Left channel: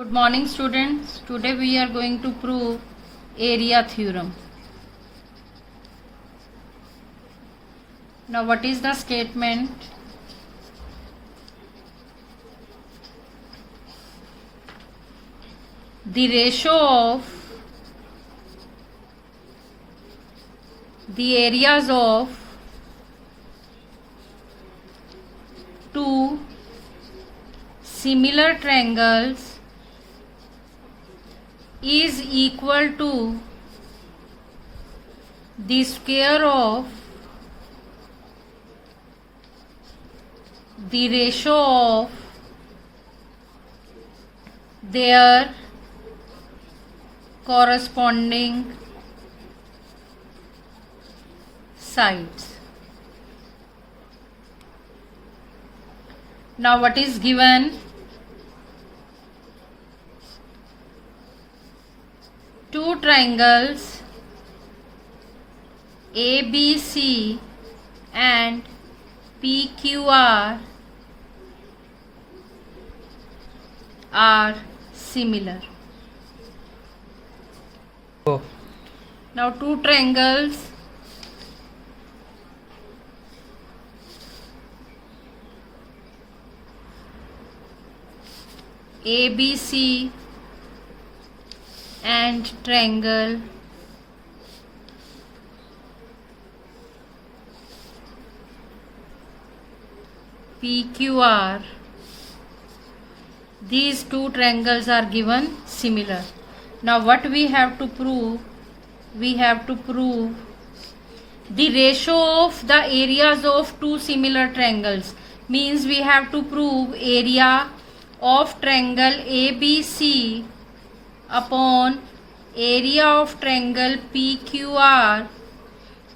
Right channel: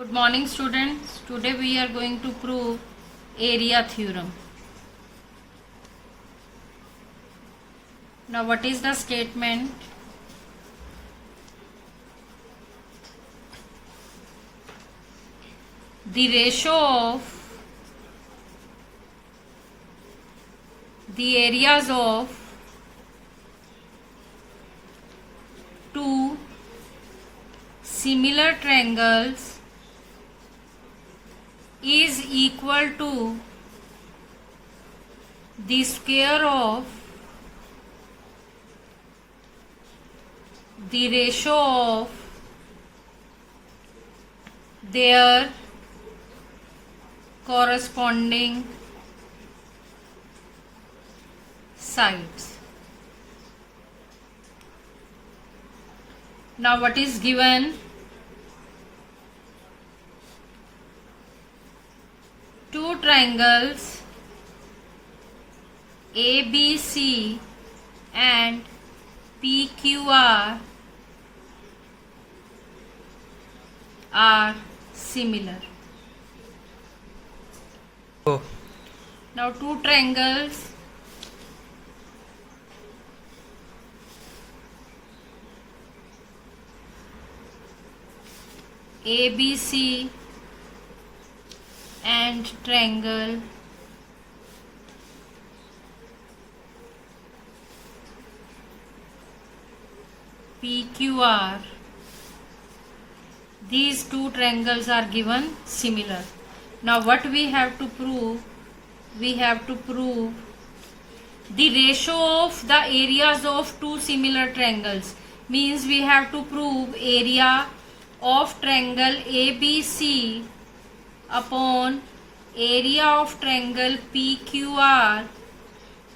Good morning students. Today we are going to prove area theorem. Now what is the statement? The ratio of the areas of two similar triangles is equal to the square of the ratio of their corresponding sides. Now what is given? Two triangles ABC and PQR are similar. Now two triangles ABC and triangle PQR, these two triangles are given similar. Now what we have to prove? We have to prove the ratio of the areas of two similar triangles. Means we have to prove area of triangle ABC upon area of triangle PQR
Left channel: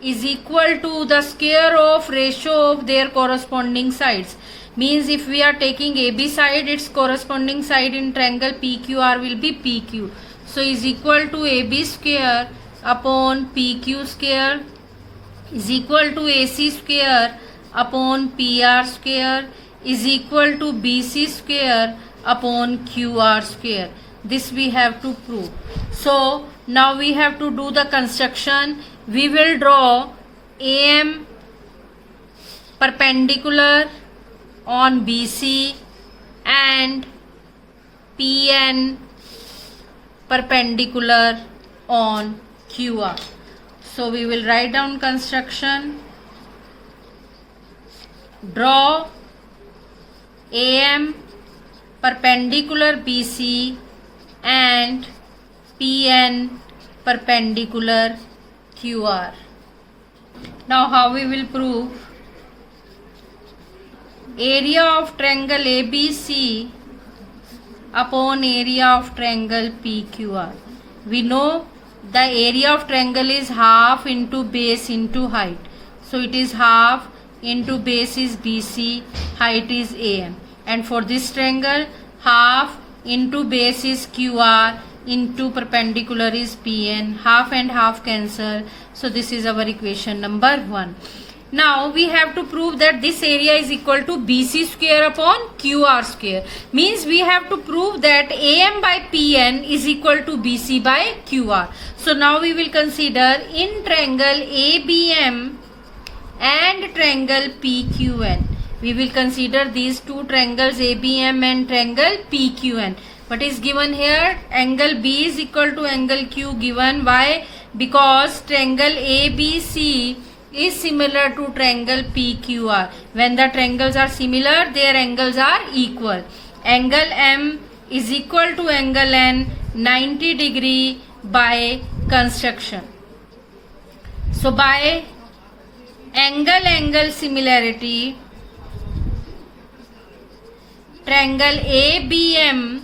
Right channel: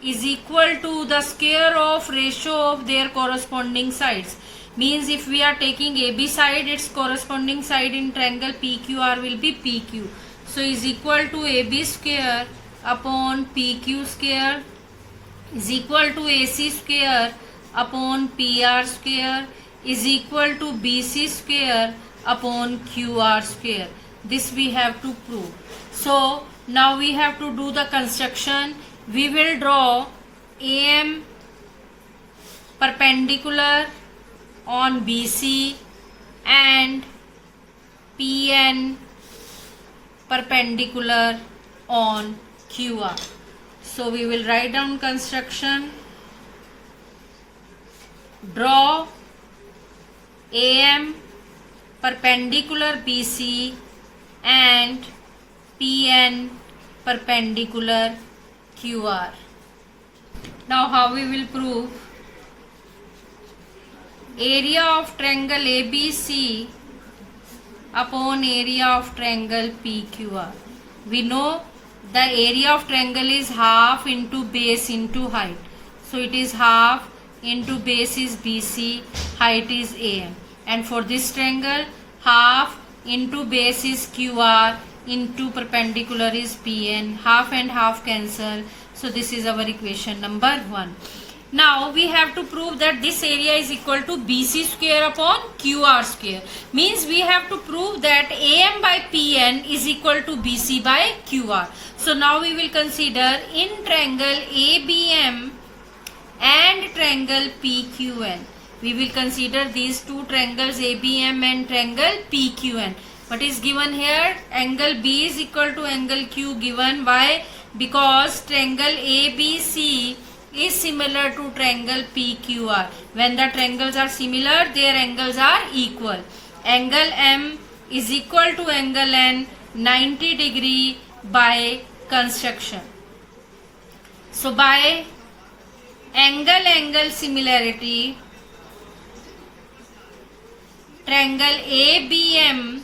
is equal to the square of ratio of their corresponding sides. Means if we are taking AB side, its corresponding side in triangle PQR will be PQ. So is equal to AB square upon PQ square is equal to AC square upon PR square is equal to BC square upon QR square. This we have to prove. So now we have to do the construction. We will draw AM perpendicular on BC and PN perpendicular on QR. So we will write down construction. Draw AM perpendicular BC and PN perpendicular QR. Now how we will prove? Area of triangle ABC upon area of triangle PQR. We know the area of triangle is half into base into height. So it is half into base is BC, height is AM. And for this triangle, half into base is QR, into perpendicular is PN, half and half cancel. So this is our equation number 1. Now we have to prove that this area is equal to BC square upon QR square. Means we have to prove that AM by PN is equal to BC by QR. So now we will consider in triangle ABM and triangle PQN. We will consider these two triangles ABM and triangle PQN. What is given here? Angle B is equal to angle Q given. Why? Because triangle ABC is similar to triangle PQR. When the triangles are similar, their angles are equal. Angle M is equal to angle N 90 degree by construction. So by angle similarity, triangle ABM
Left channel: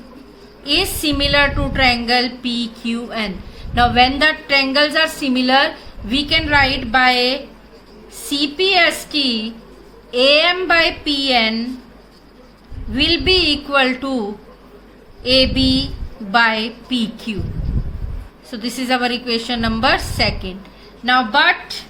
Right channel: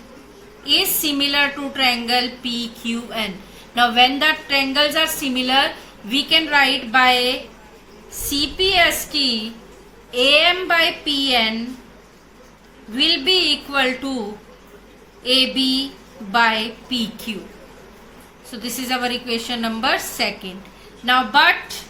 is similar to triangle PQN. Now when the triangles are similar, we can write by CPST AM by PN will be equal to AB by PQ. So this is our equation number 2. Now but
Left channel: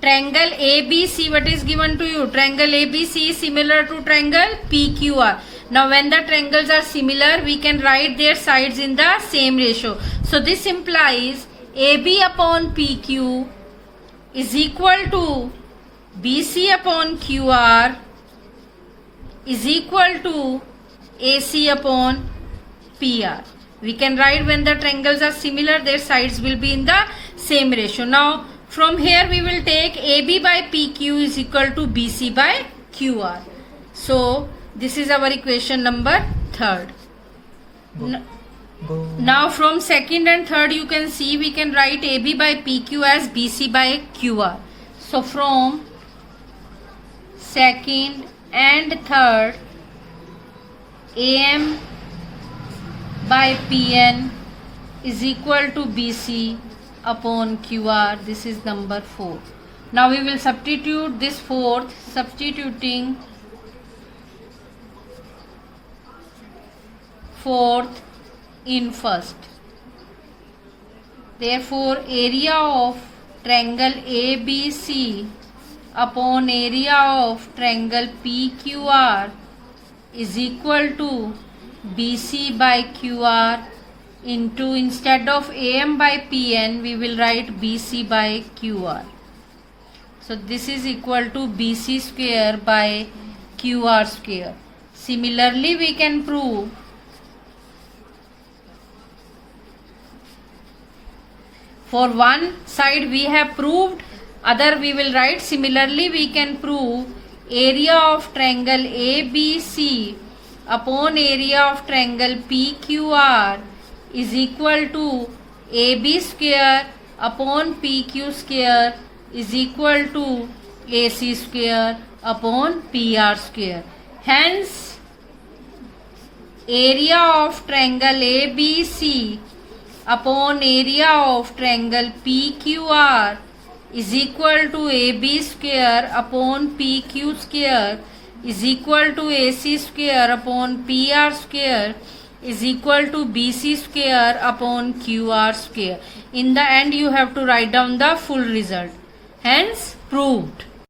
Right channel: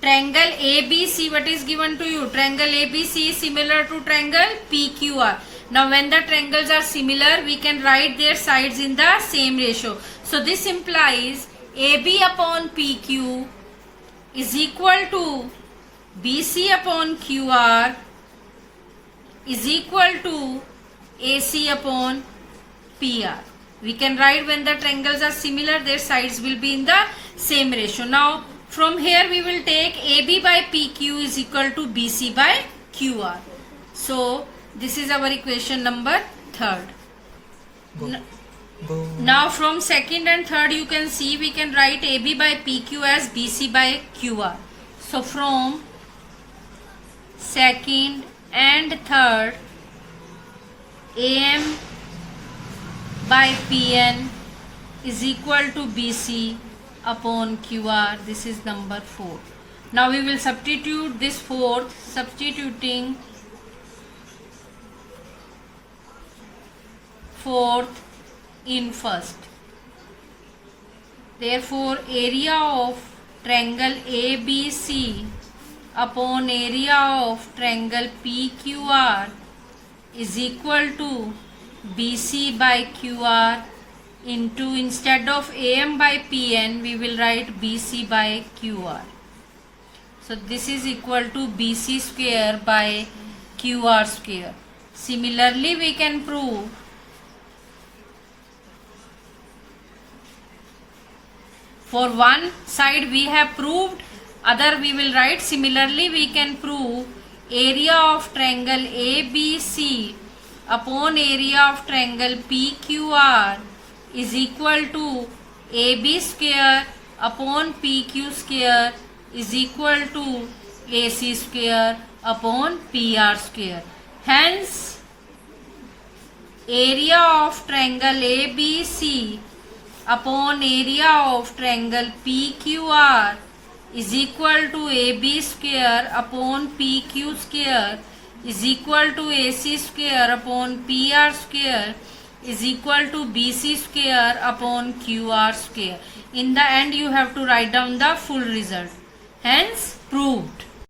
triangle ABC, what is given to you? Triangle ABC is similar to triangle PQR. Now when the triangles are similar, we can write their sides in the same ratio. So this implies AB upon PQ is equal to BC upon QR is equal to AC upon PR. We can write when the triangles are similar, their sides will be in the same ratio. Now from here we will take AB by PQ is equal to BC by QR. So this is our equation number 3rd. Now from second and third you can see we can write AB by PQ as BC by QR. So from second and third, AM by PN is equal to BC upon QR. This is number 4. Now we will substitute this fourth, substituting fourth in first. Therefore area of triangle ABC upon area of triangle PQR is equal to BC by QR into, instead of AM by PN we will write BC by QR. So this is equal to BC square by QR square. Similarly we can prove for one side we have proved, other we will write. Similarly we can prove area of triangle ABC upon area of triangle PQR is equal to AB square upon PQ square is equal to AC square upon PR square. Hence area of triangle ABC upon area of triangle PQR is equal to AB square upon PQ square is equal to AC square upon PR square is equal to BC square upon QR square. In the end you have to write down the full result. Hence proved.